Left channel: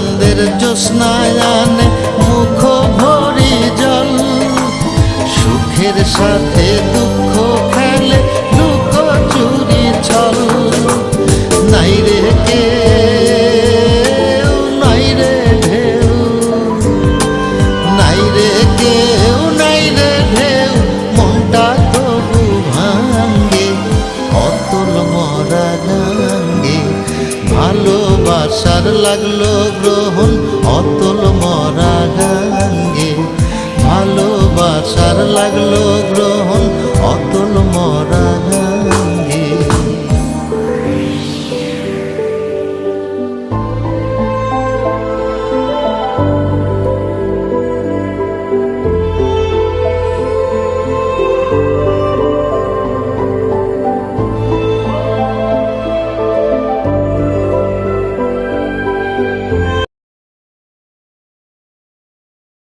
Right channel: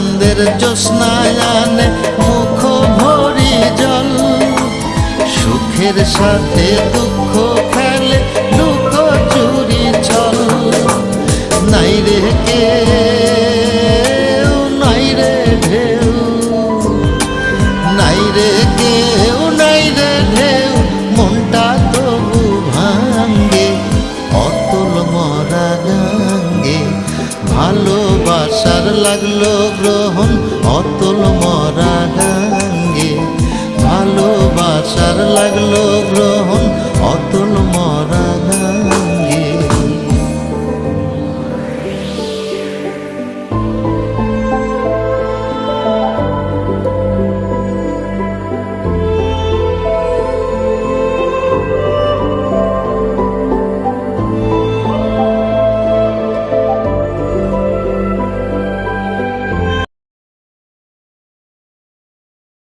কান্দের জ্যোৎস্নায় আনে মুখ ভরি জল। সুখের সাথে দুঃখ খেলে লুকোচুরি ছল। নাই রে কেউ, নাই রে ঢেউ, নাই রে কেউ, নাই রে ঢেউ, মনটা তবু ভাঙ্গে অতল মরা গাঙ্গে। ভালোবাসার লাগলো গ্রহণ অতল মরা গাঙ্গে। ভালোবাসার লাগলো গ্রহণ অতল মরা গাঙ্গে।